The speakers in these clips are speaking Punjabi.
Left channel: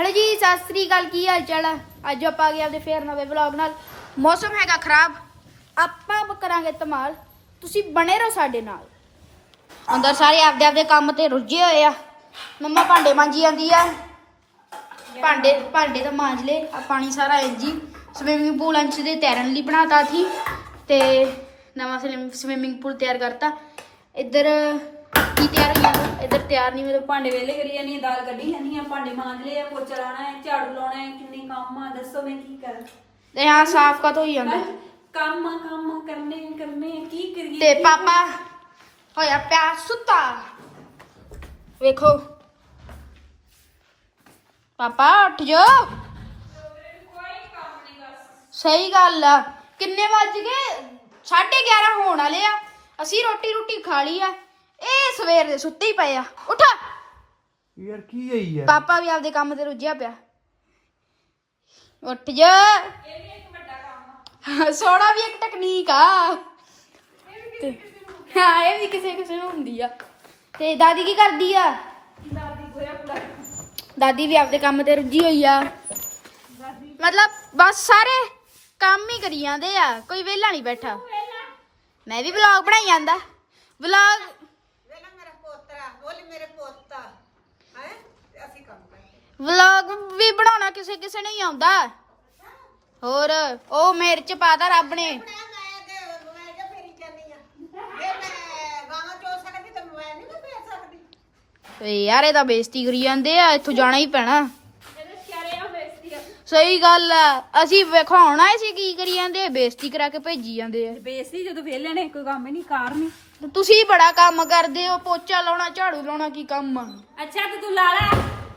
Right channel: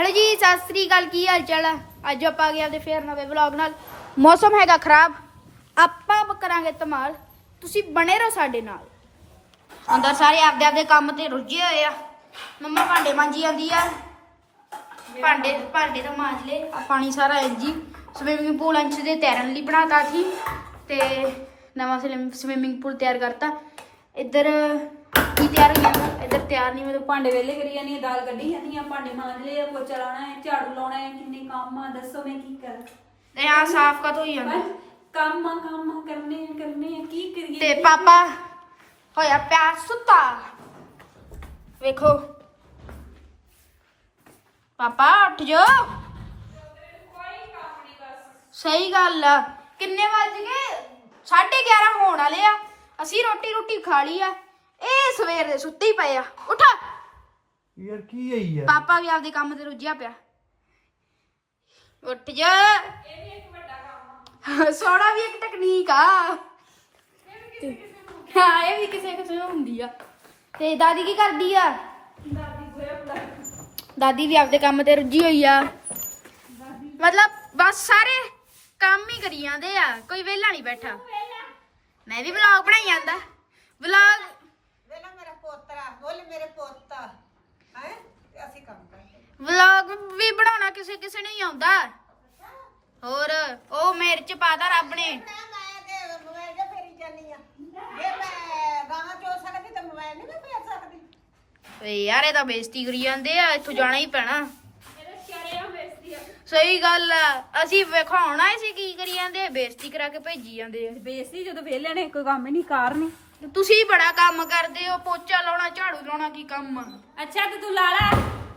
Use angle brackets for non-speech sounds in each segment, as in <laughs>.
ਹੈਲੋ ਜੀ, ਸਤਿ ਸ੍ਰੀ ਅਕਾਲ, ਕੀ ਹਾਲ ਚਾਲ ਆ? ਅੱਜ ਆਪਾਂ ਆ ਗਏ ਆਪਦੇ ਫੇਰ ਨਵੇਂ ਵਲੌਗ ਨਾਲ। ਮੌਸਮ ਹੈਗਾ ਖਰਾਬ। ਆਪਾਂ ਕਰਾਂਗੇ ਧਮਾਲ। ਤੁਸੀਂ ਬਣੇ ਰਹੋ ਸਾਡੇ ਨਾਲ। ਅੰਦਰ ਸਾਰੇ ਆਪਦੇ ਆਪਦੇ ਕੰਮ ਤੇ ਰੁੱਝੇ ਹੋਏ ਆ। ਮੰਮਾ ਭਾਂਡੇ ਮਾਂਜੀ ਜਾਂਦੀ ਆ। ਭਾਂਡੇ ਭਾਂਡੇ ਤਾਂ ਮਾਂਜ ਲਏ। ਆ ਪਾਣੀ ਸਾਰਾ ਇੰਜੀ ਸਵਿਮਿੰਗ ਪੂਲ ਅੰਚ ਦੇ ਤੈਰਨ ਲਈ ਬਣਾਤਾ ਸੀ। ਤੇ ਨਵਾਂ ਸਵਿਮਿੰਗ ਪੂਲ ਤਿਆਰ ਕਰਤਾ। ਇੱਧਰ ਕੀ ਤਿਆਰ ਹੋ ਜਾਂਦਾ ਇੱਧਰ ਤਿਆਰ ਨਹੀਂ ਮਤਲਬ ਭਾਂਡੇ ਵੇਲੇ ਕਰੀ ਜਾਨੀ ਆ ਦਾਲ ਕੱਢੀ ਜਾਨੀ ਆ ਭਾਂਡੇ ਮਾਂਜ ਲਏ ਆ ਪੋਚਾ ਲਾਉਣਾ ਹੈ ਝਾੜੂ ਲਾਉਣਾ ਹੈ ਕਿੰਨੇ ਕੰਮ ਆ ਦੱਸੋ ਮੈਂ ਕੀ ਕਰਾਂ? ਤੇ ਹਾਂ ਸਾਫ਼ ਕਾ ਹੋਈ ਜਾਂਦਾ? ਬਸ ਕੰਮ ਆ ਕੰਮ ਆ, ਕਰਨੇ ਆ, ਕਰਨੇ ਆ, ਕੀ ਕਰੀਏ ਤੇ ਕੀ ਪਾਪਾ ਹੋਇਆ ਪਿਆ ਸੁੱਤਾ। ਵੇਖੋ। ਪਾਪਾ ਉੱਠ ਜਾ ਸਹੀ ਗੱਲ ਆ। ਕਿੰਨੇ ਵੱਜ ਗਏ? 11:30 ਹੋਣ ਵਾਲੇ ਆ। ਅਸੀਂ ਰੋਟੀ ਰੋਟੀ ਖਾ ਲਈ ਆ। ਸਵੇਰ ਦੇ ਸੁੱਤੇ ਹੀ ਪਏ ਆ। ਉੱਠ। ਯਾਰ ਕੀ ਹੈ ਯਾਰ ਪਾਪਾ ਵੀ ਆਪਦੇ ਕੰਮ ਤੇ ਰੁੱਝਿਆ ਪਿਆ। ਉੱਠ ਜਾ। ਸੋਣਾ ਵੀ ਇੱਕ ਟੈਕਨੀਕ ਆ। ਹਾਂ ਇਹ ਵੀ ਕਿਸੇ ਕਿਸੇ ਨੂੰ ਹੁੰਦੀ ਆ। ਤੇ ਦਾਦੀ ਕੀ ਕਰਦੀ ਆ? ਦਾਦੀ ਵੀ ਆਪਦੇ ਕੰਮ ਤੇ ਰੁੱਝੀ ਹੋਈ ਆ। ਮਤਲਬ ਬਸ ਸਾਰੇ ਕੰਮ ਹੀ ਕਰੀ ਜਾਂਦੇ ਆ। ਕੋਈ ਵਿਹਲਾ ਨਹੀਂ ਬੈਠਾ। ਮੈਂ ਵੀ ਵਲੌਗ ਬਣਾਈ ਜਾਂਦਾ। ਵਲੌਗ ਬੋਲ ਮੇਰੇ ਪੋਤਾ। ਹੈ? ਅਸੀਂ ਕੰਮ ਕਰਦੇ। ਵਲੌਗ ਵੀ ਬਣਾਉਣਾ ਕਿਸੇ ਕਿਸੇ ਨੂੰ ਹੀ ਆਉਂਦਾ। ਹੋਰ ਉਹ ਮੇਰੇ ਚ ਪਾਤਾ ਰੱਬ ਨੇ। ਮੈਂ ਤੇ ਮੋਬਾਈਲ ਜੇ ਫੇਰੀ ਜਾਂਦੀ ਆ। ਜੇ ਮੈਂ ਗਾਣਾ ਚੋ ਸਕਦੀ ਤਾਂ ਮੋਬਾਈਲ ਨਹੀਂ ਮੈਂ ਫੇਰ ਸਕਦੀ। ਏ ਯਾਰ ਇਹ ਤਾਂ ਬੇਇੱਜ਼ਤੀ ਕਰੀ ਜਾਂਦੇ ਆ ਇੱਥੋਂ ਜਾਣਾ ਹੀ ਪੈਣਾ। ਸਹੀ ਗੱਲ ਆ। ਅਸੀਂ ਵਿਖਾਉਣਾ ਸੀ ਕੀ ਕਰੀ ਜਾਂਦੇ ਆ, ਬੇਇੱਜ਼ਤੀ ਕਰਾ ਕੇ ਭੇਜੀ ਜਾਂਦੇ ਆ। ਬੇਸਤੀ ਜਦੋਂ ਵੇਲੇ ਨੇ ਕੋਈ ਕੰਮ ਹੀ ਨਹੀਂ ਕਾਰ ਨਹੀਂ ਤੁਸੀਂ ਬੜਾ ਕੰਮ ਕਰਦੇ ਹੋ ਪੋਚਾ ਲਾਉਣਾ ਝਾੜੂ ਲਾਉਣਾ ਕੀ ਕੰਮ ਆ? ਅੱਛਾ ਤੇ ਤੂੰ ਲਾ ਲੈ।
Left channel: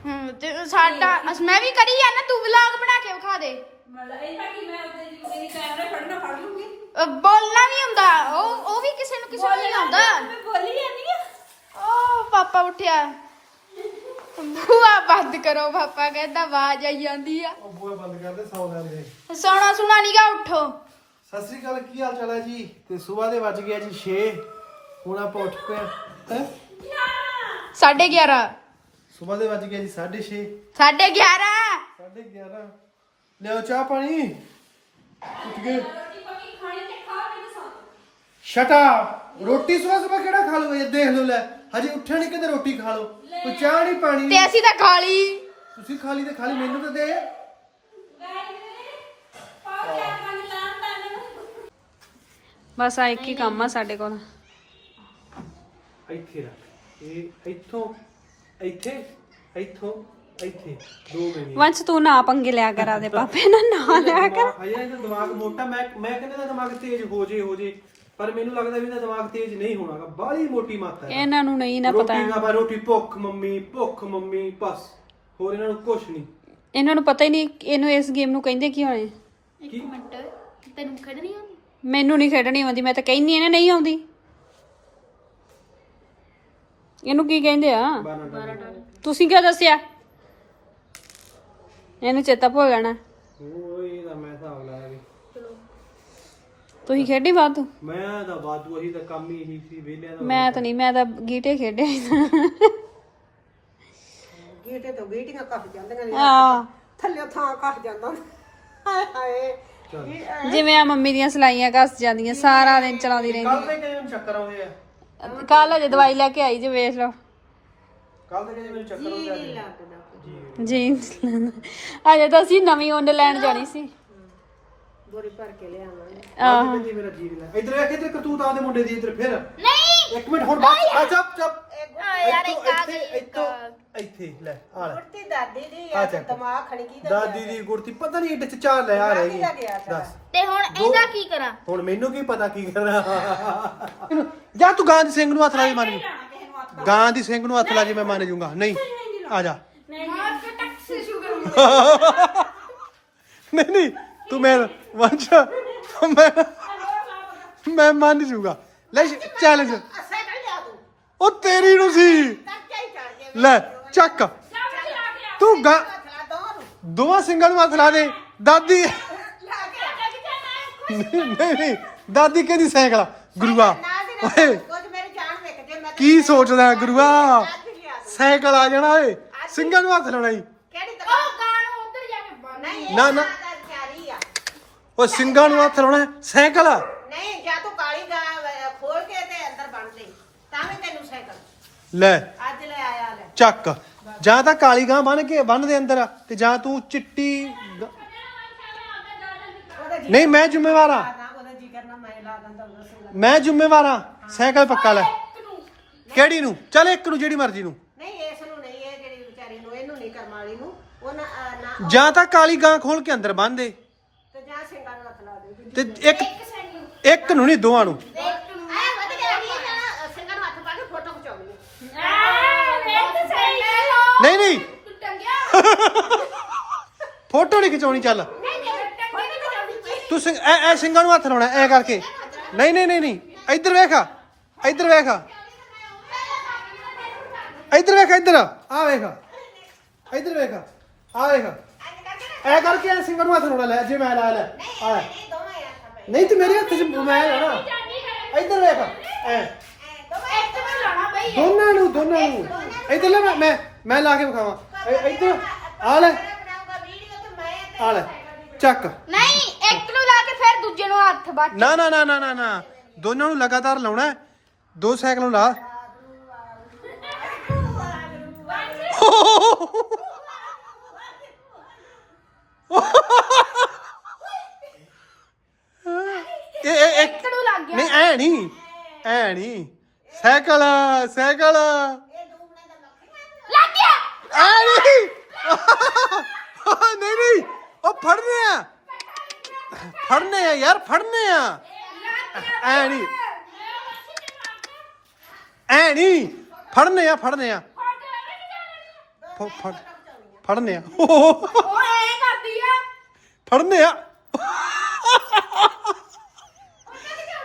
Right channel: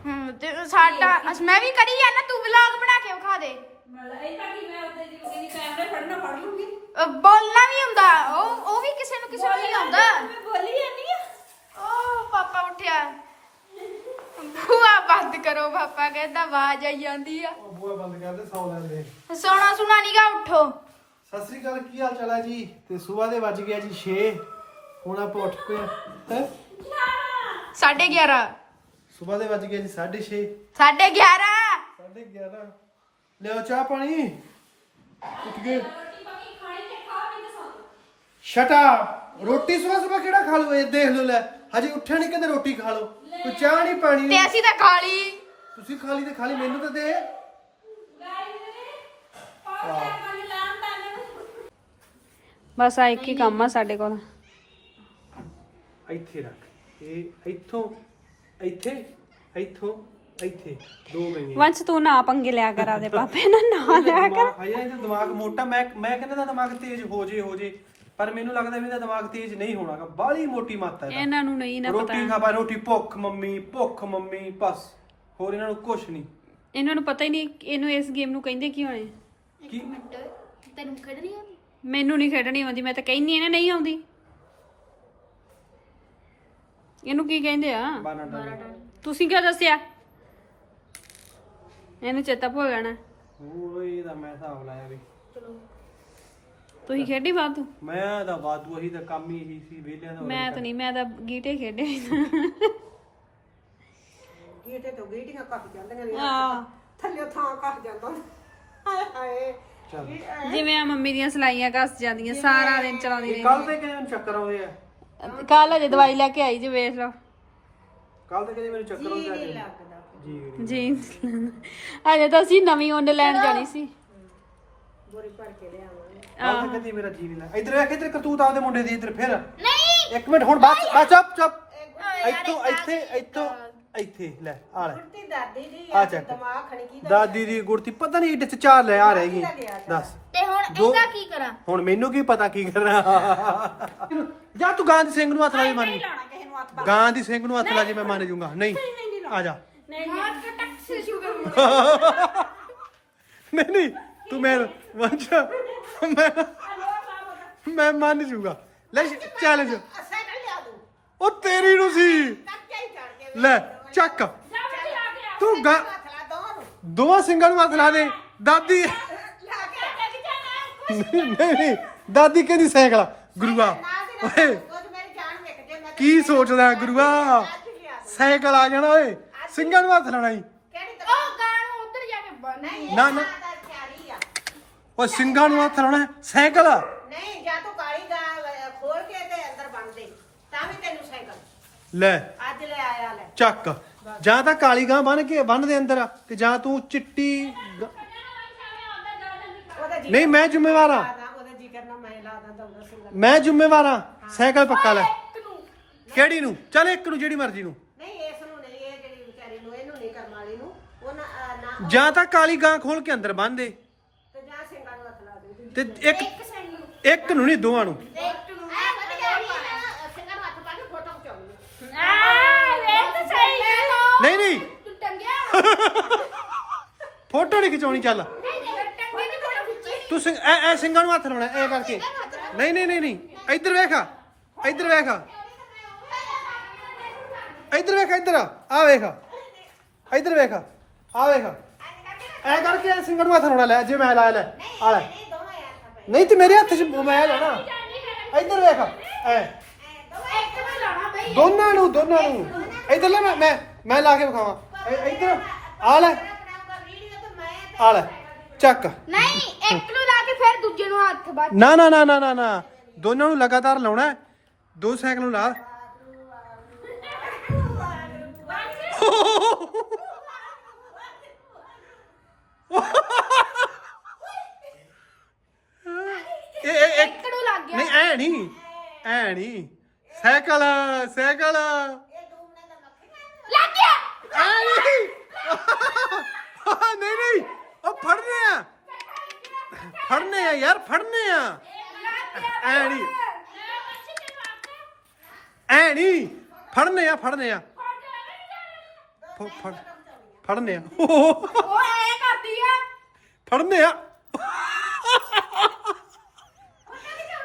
ਹੂੰ ਤੇ ਸਾਡਾ ਅਸ- ਮੈਂ ਵੀ ਕਰੀ ਆ ਨਾ ਤੂੰ ਵਲੌਗ ਬਣਾ ਕੇ ਵਿਖਾ ਦੇ। ਮਤਲਬ ਇਹ ਤਾਂ ਕਿ ਮੈਂ ਉੱਤੇ ਜੀ ਮੇਰੀ ਕੈਮਰਾ ਫੜਨਾ ਫੜ ਲੂੰਗੀ। ਅ, ਬੋਲਣਾ ਵੀ ਹੁੰਦਾ ਉਹ ਉਹ ਵੀ ਕਿਸੇ ਨੂੰ ਕਿਸੇ ਨੂੰ ਨਹੀਂ ਆਉਂਦਾ। ਮੈਂ ਬੋਲੀ ਜਾਂਦੀ ਆ। ਓ ਪਾਪਾ ਉੱਠਿਆ। ਬੂਆ ਬੰਦ ਕਰੋ ਪਾਪਾ ਕਹਿੰਦਾ ਆਵਾਜ਼ ਆਈ ਜਾਂਦੀ ਆ। ਉਹ ਬੂਹੇ ਬੰਦ ਕਰਦੇ ਸੌ ਲੈਂਦੇ ਸੋਣਾ ਸੁਣਾ ਨੀਗਾ ਉੱਠੋ। ਸਤਿ ਸ੍ਰੀ ਅਕਾਲ ਕੀ ਹਾਲ ਚਾਲ ਹੈ ਜੀ? ਤੇ ਸਵੇਰ ਦੇ ਵੱਜ ਗਿਆ ਜੀ 6 ਹੁਣ ਆਪਾਂ ਉੱਠ ਪਏ ਹੈ 11:30 ਸਵੇਰ ਦੇ ਵੱਜ ਗਿਆ ਜੀ 6:30 11:30 11:30 ਲਿਓ ਚਾਹ ਪਾਣੀ। ਉੱਠ ਗਏ। ਸ਼ਟਾ ਰੋਟੀ ਸਵੇਰ ਸਵੇਰ ਕਿਹੜਾ ਖਾ ਲਓ? ਇਹ ਦੇਖ ਲਓ ਲੈ ਹਜੇ ਉੱਠਿਆ ਨਹੀਂ ਕਹਿੰਦੇ ਰੋਟੀ ਖਾ ਲਓ। ਕੋਈ ਚਾਹ ਨਹੀਂ ਪਾਣੀ ਤੇ ਅਸੀਂ ਤਾਂ ਖਾ ਲਈ। ਤੁਸੀਂ ਖਾ ਲਈ ਤੇ ਖਾ ਲਈ ਮੈਨੂੰ ਤਾਂ ਦੇ। ਬਸ ਆ ਇੱਕ ਹੀ ਕੰਮ ਆ ਸਾਡੇ ਕੋਲ। ਇੱਥੇ ਰੱਖ। ਇਹ ਇੱਥੋਂ ਇੱਥੇ ਇੱਥੋਂ ਇੱਥੇ। ਦੋ ਮਿੰਟ। ਵੰਸ਼ ਤੂੰ ਨਾ ਪੰਗੇ ਲਿਆ ਕਰ ਆਪਦੇ ਪਾਪੇ ਨਾਲ ਨਾ ਲਿਆ ਕਰ। ਹਜੇ ਇਹਦਾ ਦਿਮਾਗ ਮੋਟਾ ਮੈਂ ਮੈਂ ਕਹਿੰਦਾ ਇਹਦਾ ਦਿਮਾਗ ਤੇਜ਼ ਹੋ ਜੇ ਹੋ ਜੇ। ਪਰ ਮੈਨੂੰ ਲੱਗਦਾ ਵੀ ਇਹਦਾ ਦਿਮਾਗ ਤੇਜ਼ ਨਹੀਂ ਹੋਣਾਗਾ। ਬਾਹਲੀ ਮੋਟੀ ਮਾਤਾ ਹੈ ਇਹਨਾਂ ਨੂੰ ਨਹੀਂ ਨਾ ਪਤਾ। ਰੋਟੀ ਖਾ ਬਾ ਰੋਟੀ ਭੁੱਖ ਮੰਮੀ ਭੁੱਖ ਮੰਮੀ ਬਸ। ਹੋਰ ਇਹਨਾਂ ਨੂੰ ਕੁਝ ਨਹੀਂ। ਇਹਨਾਂ ਨੂੰ ਪਤਾ ਹੀ ਨਹੀਂ ਇਹਨੂੰ ਇਸ ਗੇਮ ਨੂੰ ਕਹਿੰਦੇ ਕੀ ਹੋਣੇ ਕੀ? ਮਿੰਟ। ਤੈਨੂੰ ਖੜਨੀ ਆਉਂਦੀ? ਮੈਨੂੰ ਨਹੀਂ ਖੇਡਣੀ ਆਉਂਦੀ ਮੈਂ ਤਾਂ ਕਹਿੰਦੀ ਇਹਨੇ ਨਹੀਂ ਆਉਂਦੀ। ਇਹਨੂੰ ਕੀ ਕਹਿੰਦੇ ਆ? ਤੁਸੀਂ ਕਿਉਂ ਦੱਸਿਆ? ਇਹਨੂੰ ਚੇਤਾ ਭੁੱਲ ਜਾਣਾ। ਉਹ ਇਹਦਾ ਮੈਂ ਹਿਸਾਬ ਲਾਇਆ ਵੀ। ਤੁਸੀਂ ਖੇਡੀ ਬਾਤ ਮੈਂ ਤਾਂ ਬਾਦੂ ਅਹੀ ਦਾ ਕੰਮ ਹੀ ਇਹੀ ਸੀ ਵਿਹਲਿਆਂ ਦਾ ਮੈਂ ਤਾਂ ਨਹੀਂ ਮੈਂ ਤਾਂ ਗੀਟੇ ਖੇਡੇ ਗੀਟੇ ਤੋਂ ਗੀਟੀਆਂ ਕੱਟ ਜਾਂਦੀਆਂ ਨੇ। ਆ ਥੱਲੇ ਥਾਂ ਕੱਟ ਜਾਂਦਾ। ਹਾਏ ਹਾਏ। ਜਿਵੇਂ ਆ ਮੰਮੀ ਦੀਆਂ ਸਲਾਈਆਂ ਘਸ ਜਾਂਦੀਆਂ ਸਾਰਾ ਦਿਨ ਚਲਾਉਂਦੀ ਕੱਲ ਤੇ ਕਿਵੇਂ ਚੱਕਰ ਆਉਂਦੇ ਆ? ਰਹਿੰਦੀ ਕੱਲ ਅਜੇ ਦਵਾਈ ਲੈ ਕੇ ਆਈ ਜੇ ਵੇਖ ਲਓ। ਕੱਲ ਤੇ ਮੈਨੂੰ ਚੱਕਰ ਆਉਂਦੇ ਆ ਲੱਗਦਾ ਜੀ ਜੀਨਸ ਅਜੇ ਤਾਂ ਅਸੀਂ ਨਵੀਂ ਉੱਨ ਲੈਣ ਜਾਣੀ ਸੀ। ਬੋਰੀ ਭਰ ਕੇ ਲਿਆਵਾਂਗੇ ਆਹ। ਕਹਿੰਦੀ ਮੇਰਾ ਜੀ ਨਹੀਂ ਲੱਗ ਇੱਧਰ ਵੇਖ ਇੱਧਰ ਕਰਤੂਤ ਆਦੇ ਮੁੰਡੇ ਦੀ ਇੱਧਰ ਫਿਰ। ਨਹੀਂ। ਇੱਕ ਮਿੰਟ ਹੁਣ ਬਸ। ਬਸ ਚੁੱਪ ਚੁੱਪ। ਇੱਥੋਂ ਇੱਥੇ ਇੱਥੋਂ। ਇੱਥੇ ਲੈ ਆ ਲੈ। ਕੁੜਤੀ ਦਾਦੀ ਦੀ ਆ ਚੱਕ। ਦਿਮਾਗ ਖਣੀ ਕੀ ਦਾਦੀ ਦੀ ਗੁੜਤੀ ਪਤਾ ਨਹੀਂ ਇੱਡੇ ਚ ਚਾਰ ਲਿਆ ਰਹਿ ਗਈ। ਦੱਸ। ਤੇ ਹੁਣ ਇਹਦਾ ਕੀ ਕਰਾਂ? ਹੁਣ ਮੈਨੂੰ ਕੀ ਪਤਾ ਕੀ ਕਰਨਾ। ਜਾ ਤੂੰ ਗਾਂ ਦੀ ਸਿੰਘ ਨੂੰ ਹੱਥ ਲਾ ਜੀ ਮੰਨ ਗਾਂ ਦੀ ਸਿੰਘ ਨੂੰ ਹੱਥ ਲਾ ਜੀ ਮੈਂ ਮੰਨ ਜੂੰਗਾ ਨਹੀਂ ਆ ਜਾ। ਸੇ ਕਰੂੰਗਾ। ਨਹੀਂ ਨਹੀਂ ਤੂੰ ਮੈਂ ਵੰਸ਼ ਮੈਂ ਮੈਂ ਮੰਨ ਜੂਗਾ ਲੈ ਚੈਲੰਜ ਤੂੰ ਉਹ ਤੇਰੀ ਨੂੰ ਸੀ। ਹੀ ਚੜ ਲੈ ਚੱਕ। ਤੂੰ ਗਾ ਦੋਵਾਂ ਸਿੰਘਾਂ ਨੂੰ ਹੱਥ ਲਾ ਦੇ। ਦਾਦੀ ਨਹੀਂ ਨਹੀਂ ਦਾਦੀ ਕਹਿੰਦੀ ਸਾਈਕਲ ਗੁਰੂਆ ਓਏ ਜੇ ਕੀ ਸੋਚਦਾ ਗੁਰੂਆ? ਸਾਈਕਲ ਆ ਜਾਣਾ ਓਏ। ਸਿੰਘਾਂ ਨੂੰ ਹੱਥ ਲਾਣਾ ਨਹੀਂ ਨਾ, ਨਾ। ਉਹ ਸਿੰਘਾਂ ਨੂੰ ਹੱਥ ਲਾਉਣਾ। ਸਾਈਕਲ ਨਹੀਂ ਜਾਂ ਤੂੰ ਕਾਲੀ ਗਾਂ ਅਹ, ਖੋਲ ਕੇ ਤੇ ਅੰਦਰ ਬੰਨ ਦੇ। ਤਾਂ ਵੀ ਤੈਨੂੰ ਸਾਈਕਲ। ਲੈ ਅੱਜ ਲੈ ਆਇਆ ਲੈ। ਚੱਕ। ਜਾਂ ਤਾਂ ਕਾਲੀ ਗਾਂ ਬੰਨ ਕੇ ਬੰਨ ਦੇ ਅੰਦਰ ਤੇ ਜਾਂ ਤੂੰ ਚਿੱਟੀ ਗ- ਉਹਦਾ ਜੀ ਨਹੀਂ ਮੈਂ ਜ਼ਿੰਮੇਵਾਰ ਆ। ਕਰਨਾ ਉਹਦਾ ਜੀ ਕਰਨਾ ਮੈਂ ਲਾ ਦਾਂ ਉਹਦਾ ਸਿੰਘਾ ਮੈਂ ਜ਼ਿੰਮੇਵਾਰ ਆ। ਸਾਈਕਲ ਪੱਕਾ ਲੈ। ਕਿਹੜੀ ਨੂੰ? ਚੱਲ ਇੱਕ ਨੂੰ ਜਿਹੜੀ ਮਰਜ਼ੀ ਨੂੰ। ਨਹੀਂ ਇਸ ਨੂੰ ਨਹੀਂ ਇਹ ਜਿਹੜੀ ਵਿਚਾਰੀ ਨੂੰ ਇਹਨੂੰ ਨਹੀਂ ਕਰਮ ਵਾਲੀ ਨੂੰ। ਉਹਨਾਂ ਅਹ, ਨਾ ਜਾਂ ਤਾਂ ਕਾਲੀ ਗਾਂ ਖੋਲ ਕੇ ਅੰਦਰ ਬੰਨ ਦੇ। ਤੇ ਜਾਂ ਸਿੰਘਾਂ ਨੂੰ ਹੱਥ ਲਾ ਦੇ ਤੇ ਇੱਕ ਇੱਕ ਨੂੰ ਨਹੀਂ ਦੋਵਾਂ ਨੂੰ ਐ ਵਧੀਆ ਨਹੀਂ ਨਾ ਸਿੰਘਾਂ ਨੂੰ ਹੱਥ ਪਾ ਕੇ ਫੋਟੋ ਖਿਚਾਉਣੀ ਨਹੀਂ ਨਹੀਂ। ਤੂੰ ਟੰਗਿਆ <laughs> ਫੋਟੋ ਨਹੀਂ ਖਿਚਾਉਣੀ ਚੱਲ। ਨਹੀਂ ਟੰਗੇ ਫੋਟੋ ਖਿੱਚੀ ਤੂੰ ਸਿੰਘ ਐ ਐ ਸਿੰਘਾਂ ਨੂੰ ਹੱਥ ਲਾਉਣਾ ਐ ਕਰਕੇ। ਨਹੀਂ ਨਹੀਂ ਨਹੀਂ ਨਹੀਂ। ਇੱਧਰ ਵੇਖ ਇੱਧਰ ਵੇਖ ਇੱਧਰ ਵੇਖ ਇੱਧਰ। ਆ ਵੇਖ ਇੱਧਰ ਵੇਖ ਆ। ਵੇਖ ਐ ਕਰਕੇ ਐ ਸਿੰਘਾਂ ਨੂੰ ਹੱਥ ਲਾਉਣਾ ਲੈ ਜੇ ਮੈਂ ਲਾਇਆ ਲੈ। ਆ ਲੈ। ਨਹੀਂ ਤੇ ਮੇਰੇ ਹੱਥ 'ਚ ਮੈਂ ਲਾਉਣਾ ਇੱਧਰ ਵੇਖ ਐ। ਨੂੰ ਦੋਨਾਂ ਨੂੰ ਦੋਨਾਂ ਨੂੰ। ਇੱਧਰ ਲੈ ਮੈਂ ਮੈਂ ਲਾ ਕੇ ਵਿਖਾਵਾਂ। ਇੱਧਰ ਆ ਲੈ। ਆ ਲੈ ਚੱਕ। ਨਹੀਂ ਇੱਕ ਨੂੰ ਲਾ ਕੇ ਫਿਰ ਦੂਜੇ ਨੂੰ ਹੱਥ ਬੱਚ ਨਾ ਨਾ ਨਾ ਨਾ ਨਾ ਨਾ। ਦੋਨਾਂ ਨੂੰ ਲਗਾਤਾਰ ਲਾਉਣਾ ਹੈ। ਦੋ ਸਾਈਕਲ ਨੂੰ ਲਾ। ਇਹ ਇਹ ਇੱਕ ਇੱਕ ਨੂੰ ਲੱਗ ਗਿਆ। ਨਹੀਂ ਐ ਨਹੀਂ। ਐ ਨਹੀਂ। Cycle cycle. ਗਿਆ ਐ ਨਹੀਂ ਨਹੀਂ ਨਹੀਂ। ਉਹ ਫੜਨੇ ਆ। ਫੜਨੇ ਆ ਯਾਰ, ਫੜਨੇ ਆ। ਐ ਨਹੀਂ। ਐ ਨਹੀਂ। ਫੜਨੇ ਆ ਫੜਨੇ ਆ। ਫ- ਫੜ, ਫੜਨੇ ਆ ਉਹ ਐ ਕਰਦੀ ਆ। ਫੜਨੇ ਆ।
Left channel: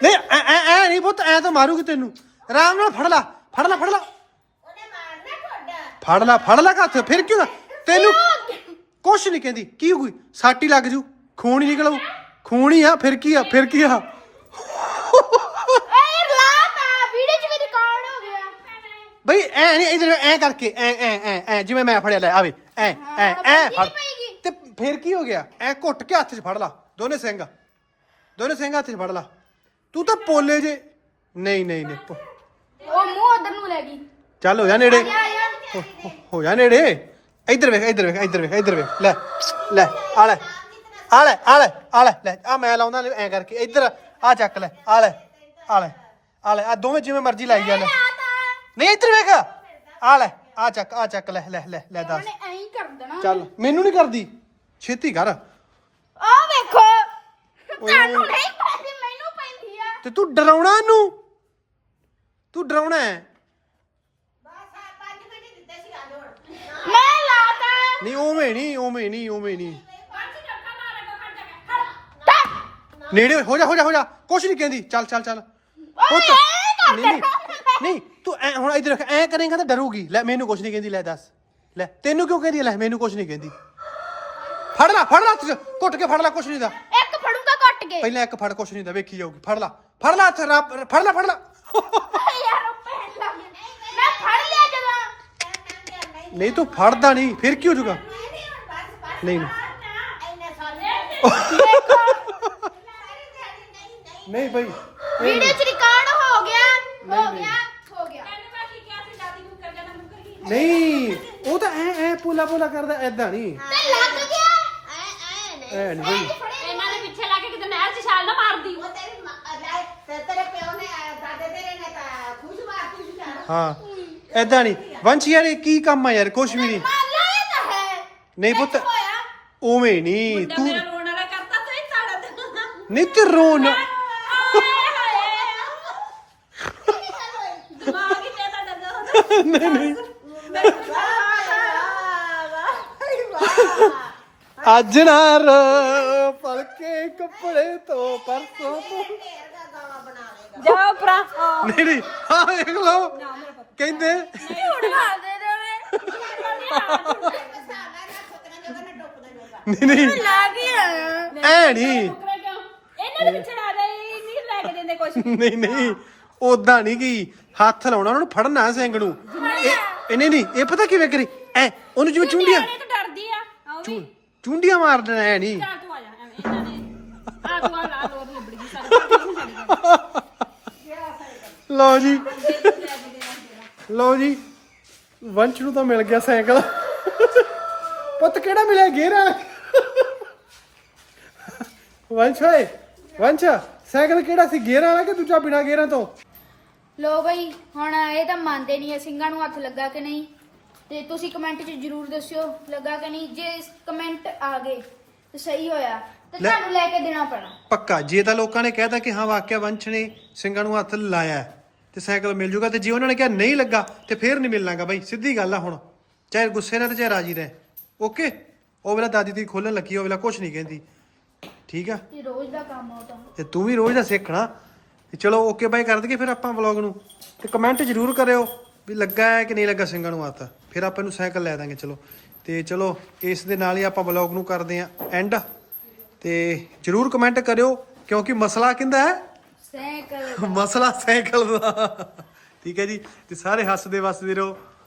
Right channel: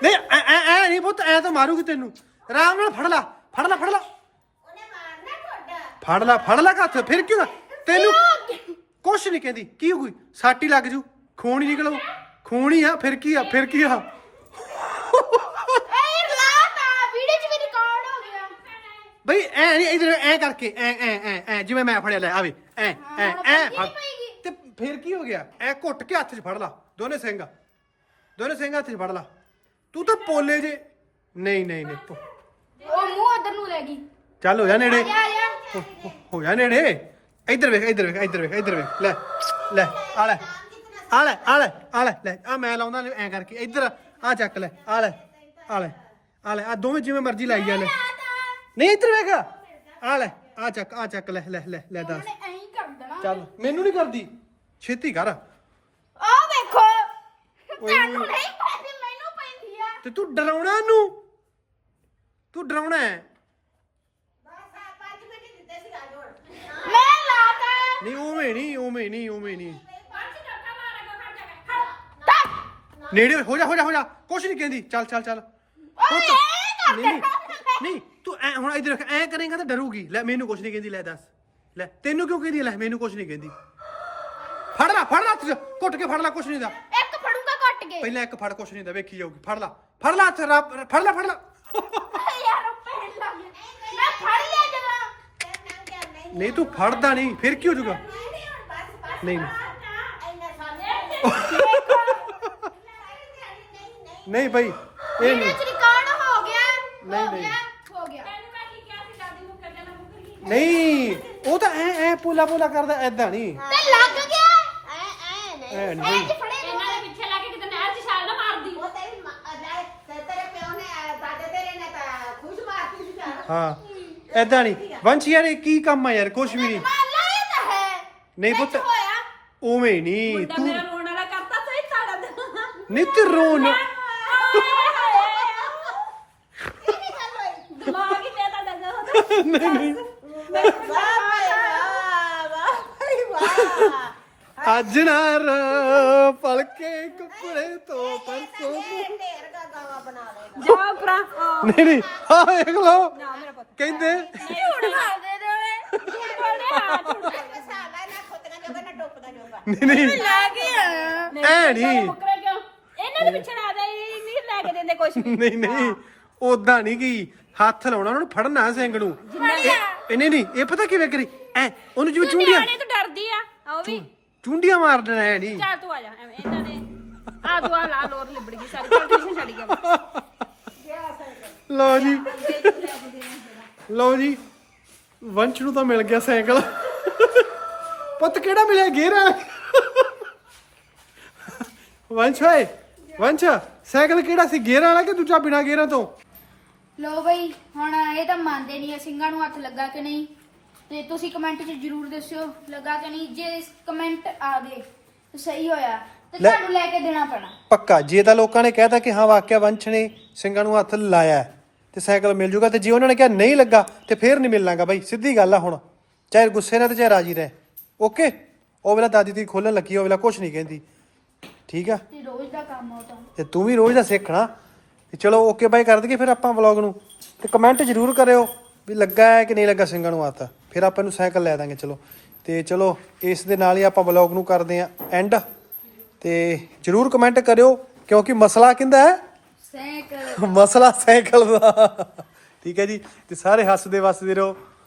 ਨਹੀਂ, ਐ ਐ ਐ ਨਹੀਂ ਪੁੱਤ। ਐ ਤਾਂ ਮਾਰੂਗੀ ਤੈਨੂੰ। ਆਰਾਮ ਨਾਲ ਫੜ ਲੈ ਫੜ ਲੈ ਫੜ ਲੈ। ਫੜ ਲੈ ਫੜ ਲੈ ਹੱਥ ਫਿਰ ਕਿਉਂ ਨਾ? ਤੈਨੂੰ ਕੁਛ ਨਹੀਂ ਕਹਿੰਦੀ। ਕੀ ਹੋਈ ਸਾਟੀ ਲੱਗ ਜੂ। ਖੂਨ ਹੀ ਨਿਕਲੂ। ਖੂਨ ਹੀ ਆ ਫਿਰ ਕੀ ਆ ਫਿਰ ਕੀ ਆ? ਏ ਲਾਤਾ ਵੀਡੀਓ ਚ ਵੀ ਰਿਕਾਰਡ ਹੋ ਗਿਆ। ਬਈ ਐ ਨਹੀਂ ਇਧਰ ਐ ਕਰਕੇ ਐ ਐ ਐ ਐ ਜਿਵੇਂ ਮੈਂ ਫੜਿਆ ਲੈ ਆਵੇ ਐ ਐ ਐ ਫੜ। ਤੇ ਫਿਰ ਕੀ ਹੋ ਗਿਆ? ਐ ਘੁੱਟ ਕੇ ਹੱਥ 'ਚ ਫੜ ਲਾ। ਦੋਨੇ ਸਿੰਘ ਦੋਨੇ ਸਿੰਘ ਹੱਥ 'ਚ ਫੜ ਲਾ। ਤੂੰ ਤਾਂ ਪੋਲੇ ਜੇ। ਨਹੀਂ ਨਹੀਂ ਨਹੀਂ ਪੋ- ਉਹ ਮੂੰਹ ਉਧਰ ਨੂੰ ਲੈ ਗਈ। ਚੱਲ ਹੋ ਜਾ ਨੇੜੇ। ਹੋ- ਹੋ- ਹੋ ਜਾ ਨੇੜੇ ਇੱਧਰ ਵੇਖ ਇੱਧਰ ਵੇਖ ਇੱਧਰ ਵੇਖ ਇੱਧਰ ਵੇਖ ਲੈ ਲੈ ਆ ਲੈ ਆ ਲੈ ਆ ਲੈ ਆ ਲੈ ਲੈ ਆ ਮੈਂ ਲਾਉਂਦਾ ਲੈ ਐ ਕਰਕੇ ਇੱਧਰ ਆ ਚੱਕ ਲੈ ਆ ਲੈ ਆ ਲੈ ਆ ਲੈ ਆ ਦੋਵੇਂ ਜਿਵੇਂ ਮਰਜ਼ੀ ਲਾਈ ਜਾ ਲੈ ਨਹੀਂ ਇੱਧਰ ਵੇਖ ਆ ਲੈ ਆ ਚੱਕ ਆ ਚੱਕ ਲੈ ਲੈ ਲੈ ਲੈ ਦੱਸ ਐਂ ਹੀ ਕਰ ਦੇਣਾ ਚੱਲ ਮੈਨੂੰ ਨਹੀਂ ਕਰਦੀ ਛੇਤੀ ਕਰ ਆ ਵੇਖੋ ਓਏ ਤੁਹਾਨੂੰ ਓਏ। ਨਹੀਂ ਪੈਂਦੀ ਮੈਨੂੰ ਪੈਂਦੀ ਆ ਤੇ ਤੂੰ ਡਰਾਉਣਾ ਇਹਨੂੰ ਤੂੰ ਡਰਾਉਣਾ ਹੈ ਬਸ ਆ 5 ਮਿੰਟ ਹੀ ਦਿੱਤੇ ਸੀ ਅੱਜ ਹੁਣ ਮੈਂ ਲਾਤਾ ਨਹੀਂ ਉਵੇਂ ਨਹੀਂ ਉਵੇਂ ਨਹੀਂ ਉਵੇਂ ਨਹੀਂ। ਨੇੜੇ ਹੋ ਜਾ ਹੋ ਜਾ ਹੋ ਜਾ। ਕੁਛ ਨਹੀਂ ਕਹਿੰਦੀ। ਚੱਲ ਚੱਲ ਚੱਲ। ਪੁੱਤ। ਨਹੀਂ ਨਹੀਂ। ਨਹੀਂ ਤੂੰ ਐ ਹੁਣ ਇਧਰ ਐ ਕਰੇਂਗਾ ਤਾਂ ਡਰੂਗੀ। ਲੈ ਮੈਨੂੰ ਕੁਛ ਨਹੀਂ ਕਹਿੰਦੀ। ਲੈ ਦੱਸ। ਲੈ ਤੈਨੂੰ ਕਿਉਂ ਕਹਿੰਦੀ? ਲੈ ਮੈਨੂੰ ਕੁਛ ਨਹੀਂ ਕਹਿੰਦੀ। ਫੜ ਲੈ ਫੜ ਲੈ ਹੱਥ 'ਚ, ਘੁੱਟ ਕੇ ਫੜ ਲੈ ਕੁਛ ਨਹੀਂ ਦਾ ਇੱਕ ਫੜੂਗਾ ਕੱਟ ਕੇ। ਪਹਿਲਾਂ ਇੱਕ ਫੜ ਕੁਛ ਨਹੀਂ ਦਾ ਵੇਖੀ ਜਾਊਗੀ। ਫੜ ਲੈ। ਫੜ ਲੈ ਹੱਥ ਰੱਬ- ਫੜ ਲੈ ਫੜ ਲੈ ਯਾਰ ਉਹ ਪਹਿਨ ਲੱਗ ਗਿਆ। ਮੈਂ ਫੜ ਲਿਆ ਜਦੋਂ ਨਹੀਂ ਤੂੰ ਫੜਦਾ ਨਹੀਂ ਫਿਰ ਕੀ ਹੋ ਜਾਊਗਾ? ਨਹੀਂ ਨਹੀਂ। ਭਾਈ ਇਹ ਨਹੀਂ। ਚ ਰਿਕਾਰਡ ਹੋ ਗਿਆ ਨਹੀਂ, ਹੋ ਨਹੀਂ। ਗਿਆ ਹੋ ਗਿਆ। ਨਹੀਂ ਉਹ ਤਾਂ ਐ ਐ ਪੋਲਾ ਪੋਲਾ ਕਰਦਾ ਐਦਾਂ ਨਹੀਂ। ਤੇ ਲੱਗ ਗਿਆ। ਐ ਐ ਨਹੀਂ ਐ ਨਹੀਂ ਭਾਈ ਇਹਨਾਂ ਦੇ ਪਿੱਛੇ ਲਾ ਕੇ ਕਿਤੇ ਨਹਿਰ 'ਚ ਛਾਲ ਨਾ ਮਾਰਦੀ। ਉਹ ਤੇਰੀ ਮਾਂ- ਲੈ, ਤੇ ਤੇਰੇ ਪਿਓ ਨੇ ਅਹ, ਦਾਦੇ ਤੇਰੇ ਨੇ ਤਾਂ ਖੁਸ਼ ਮਾਰਤੀ ਸੀ ਯਾਰ। ਹਾਂ। ਐਦਾਂ ਨਹੀਂ। ਵੰਸ਼ ਯਾਰ ਇਹ ਕੀ ਕੰਮ ਆ ਯਾਰ ਕੁਛ ਵੀ ਨਹੀਂ। ਮਾਲਾ ਇਹ ਤਾਂ ਹੈ। ਨਹੀਂ ਪੁੱਤ ਕੀ ਹੋਇਆ? ਉਵੇਂ ਨਹੀਂ ਤੂੰ ਮੇਰਾ ਰੋਣ ਵਾਲਾ ਕਰਤਾ ਸਹੀ ਸਾੜਾ ਦੇ ਨਿਤ ਰੋਣ। ਦਿਮਾਗ ਹੀ ਤੇ ਤੁਹਾਡਾ ਜੋ। ਨਹੀਂ ਨਹੀਂ। ਅੱਜ ਨਾ ਰ ਪਲਕੇ ਕੱਪੜੇ ਤੋਂ ਪਰਸੋਂ ਨੂੰ। ਦਾ ਜਾਓ ਭਰਾ। ਨਹੀਂ ਨਹੀਂ ਹਾਂ ਵੇਖ ਲਓ। ਕਹਿੰਦੇ ਝੂਠਾ ਦੇ ਦੇਵੇ ਸਾਲਾ ਨਾ ਖੁਤਨਾ ਜੋਗਾ ਨਾ। ਡੁੱਬਦਾ ਜੋਗਾ ਨਹੀਂ ਨਹੀਂ ਲੱਗ ਗਿਆ ਐ ਨਹੀਂ ਮੁਕਰੇ ਕਿਉਂ? ਇਹਨਾਂ ਦੇ ਪਿੱਛੇ ਲਾ ਦੇ ਨਹੀਂ ਲੈ ਕੇ ਦਿੰਦੇ ਕੁਛ ਨਹੀਂ ਨਹੀਂ। ਉਦਾਂ ਨਹੀਂ ਗਈ ਹੱਥ ਲਾਉਣਾ ਉਹਨਾਂ ਨੂੰ ਫੜਨਾ ਸਿੰਘ ਨੂੰ। ਇਹ ਨਹੀਂ ਨਹੀਂ ਇਹ ਪਤਾ ਕਿਵੇਂ ਕਰੀ? ਐ ਉਹਨੂੰ ਜਿਵੇਂ ਚੁੰਡੀਆਂ ਇਹ ਤਾਂ ਡਰਦੀ ਆ ਆਓ ਵੀ। ਚੁੰਡੀਆਂ ਮਾਰ ਦੇਣਾ ਐ ਨਹੀਂ। ਚੱਲ ਤੂੰ ਆ ਜਾ ਐਵੇਂ ਇਹਨਾਂ ਨੇ ਆ ਤੂੰ ਆ ਲਾ ਲੋਰ ਲਿਬੜ ਗਈ ਸਾਰੀ ਟੈਨਸ਼ਨ ਛੱਡ ਗਿਆ ਲਓ ਜੀ। ਲਓ ਜੀ। ਵੰਸ਼ ਨੂੰ ਤਾਂ ਮਿਲ ਗਿਆ ਸਾਈਕਲ। ਪੁੱਤ ਕਿਹੜਾ ਮਿਲਿਆ? ਗੇਅਰ ਵਾਲਾ? ਵੰਸ਼ ਓਏ ਵੰਸ਼ ਸਾਈਕਲ ਕਿਹੜਾ ਸੀ? ਗੇਅਰ ਵਾਲਾ ਕਿ ਦੂਜਾ ਬਿਨਾ ਗੇਅਰਾਂ ਤੋਂ? ਲੋ ਬਈ ਹੁਣ ਇਹ ਤਾਂ ਮੰਨਦੇ ਨਹੀਂ ਆ ਸਿੰਘਾਂ ਨੂੰ ਹੱਥ ਲੱਗਾ ਕਿ ਨਹੀਂ। ਤੇ ਤੁਸੀਂ ਕਮੈਂਟ 'ਚ ਜਰੂਰ ਦੱਸਿਓ ਲੱਗਾ ਕਿ ਨਹੀਂ? ਜੇ ਕਮੈਂਟ ਆ ਗਏ ਤੇ ਸਹੀ ਹੋਇਆ। ਤੇ ਲੈ- ਤੁਹਾਨੂੰ ਲੈ ਕੇ ਦੇਣਾ ਪੈਣਾ। ਪੱਕਾ। ਜੇ ਤਾਂ ਲੋਕਾਂ ਨੇ ਕਹਿਤਾ ਕਿ ਹਾਂ ਵਾਕਿਆ ਵੰਸ਼ ਨੇ ਸਿੰਘਾਂ ਨੂੰ ਹੱਥ ਲਾਇਆ। ਹੈ, ਤੇ ਸਾਈਕਲ ਮਿਲ ਜੂਗਾ ਤੇ ਜੇ ਉਹਨਾਂ ਨੇ ਕਿਹਾ ਨਹੀਂ ਲੱਗਾ ਤੇ ਫੇਰ ਨਹੀਂ ਮਿਲਣਾਗਾ ਬਾਈ ਸਿੱਧੀ ਗੱਲ ਆ ਹੁਣ। ਚਾਹੇ ਗੁੱਸੇ ਨਾਲ ਤੇ ਚਾਹੇ ਰਾਜੀ ਰਹੇ। ਓਕੇ? ਉਹ ਵੇਲਾ ਦਾਦੀ ਦੀ ਖੋਲਣ ਲੱਗੀ ਉਹ ਵੇਲਾ ਕੁਝ ਨਹੀਂ ਕਹਿੰਦੀ। ਠੀਕ ਆ? ਤੇ ਰੋਜ਼ ਦਾ ਕੰਮ ਆ ਉਹ ਤਾਂ। ਤੇ ਤੂੰ ਵੀ ਰੋਜ਼ ਦਾ ਸਿੱਖਣਾ ਤੇ ਚਲੋ ਓਕੇ ਬਾਈ ਕਰ ਦਈਏ ਫਿਰ ਆਪਾਂ ਵਲੌਗ ਨੂੰ। ਤੇ ਕਮੈਂਟ ਜ਼ਰੂਰ ਕਰਿਓ ਵੀ ਲੱਗਾ ਹੈ ਕਿ ਨਹੀਂ ਲੱਗਾ ਸਿੰਘਾਂ ਨੂੰ ਹੱਥ ਫਿਰ ਆਪਾਂ ਨੂੰ ਸਾਈਕਲ ਲੈ ਦਾਂਗੇ ਚਲੋ। ਤੇ ਚਲੋ ਇਸ ਦੇ ਨਾਲ ਹੀ ਆਪਾਂ ਵਲੌਗ ਨੂੰ ਕਰਦੇ ਆਂ ਐਂਡ ਤੇ ਜ਼ਰੂਰ ਕਮੈਂਟ ਕਰਿਓ ਕਿਉਂਕਿ ਮਸਲਾ ਕਿੰਦਾ ਹੈ? ਸਾਈਕਲ। ਮਸਲਾ ਸਾਈਕਲ ਦਾ। ਠੀਕ ਹੈ ਜੀ ਤੇ ਸਾਰੇ ਹੱਸਦੇ ਵਸਦੇ ਰਹੋ।